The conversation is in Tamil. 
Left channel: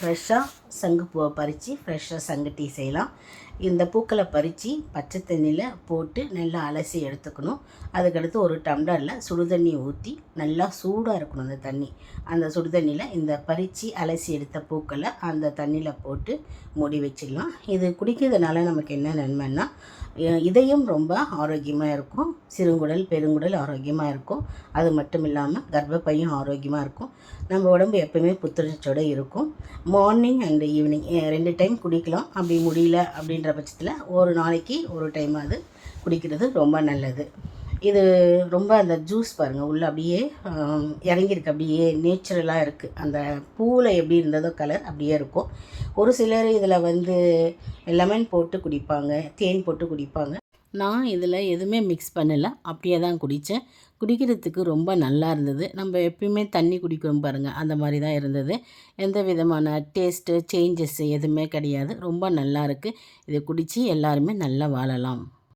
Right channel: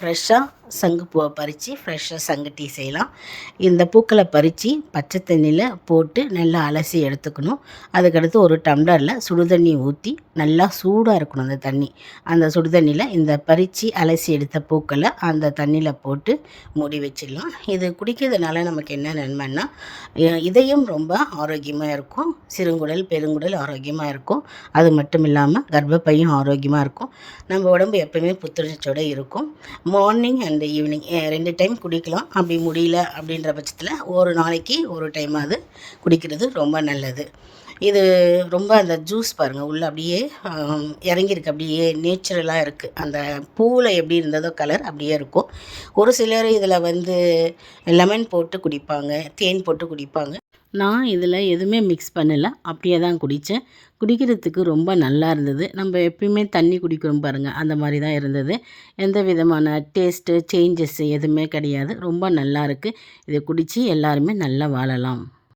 ஃப்ரெஷ்ஷாக சங்குப்பூவை பறித்து ஃப்ரெஷ்ஷாக சங்கு டீ செய்யலாம். இந்த பூக்களை பறித்து பச்சை தண்ணியில் போட்டு நல்லா அலசி எடுத்துக்கணும். அதுக்கடுத்து ஒரு டம்ளரில் சுடு தண்ணி ஊற்றி நல்லா சூடாக இருக்கணும் அந்த தண்ணி. அந்த சுடு தண்ணியில் இந்த பறித்து அலசி எடுத்த பூக்களை அந்த தண்ணியில் போட்டு மூடி வச்சிடலாம். இது குடிக்கிறதுனால நமக்கு என்ன நன்மைன்னா இதயம் ரொம்ப ஆரோக்கியமாக இருக்கும். சிறுங்குடல் பெருங்குடல் ஆரோக்கியமாக இருக்கும். அது மட்டும் இல்லாமல் கர்ப்பப்பையும் ஆரோக்கியமாக இருக்கும். நம்ம உடம்பு எப்போயுமே புத்துணர்ச்சியோடு இருக்கும். மார்னிங் அண்ட் இந்த ஈவினிங் ரெண்டு டைம் குடிக்கலாம். அப்படி முடியல அப்படின்ற பட்சத்தில் ஒரு நாளைக்கு ஒரு டைமாவது குடிக்கிறது ரொம்ப நல்லது. இது ரொம்ப அந்த ஜூஸ் பாருங்கள் உள்ளே அப்படியே இறங்கியிருக்கு. அப்படியே நேச்சுரலாக இருக்குது அந்த பூவில் எப்படி இருந்ததோ கலர் அப்படியே இருக்கும். ஒரு சிலர் இதில் வந்து லெமன் போட்டு குடிப்பாங்க தேன் போட்டு குடிப்பாங்க. நான் இதில் எதுவுமே மிக்ஸ் பண்ணலை. அப்படியே தான் குடித்தேன். குடிக்கிறதுக்கு ரொம்ப நல்லா இருந்தது. நம்ம எப்பயுமே தண்ணி குடிக்கிறோம் பாருங்கள் அந்த மாதிரி தான் இருந்தது. எந்த விதமான டேஸ்ட்டு சேஞ்சஸ் எதுவுமே கிடையாது. ரொம்ப நல்லா இருக்குது இதை குடித்து எல்லாருமே நல்லா வாழலாம்.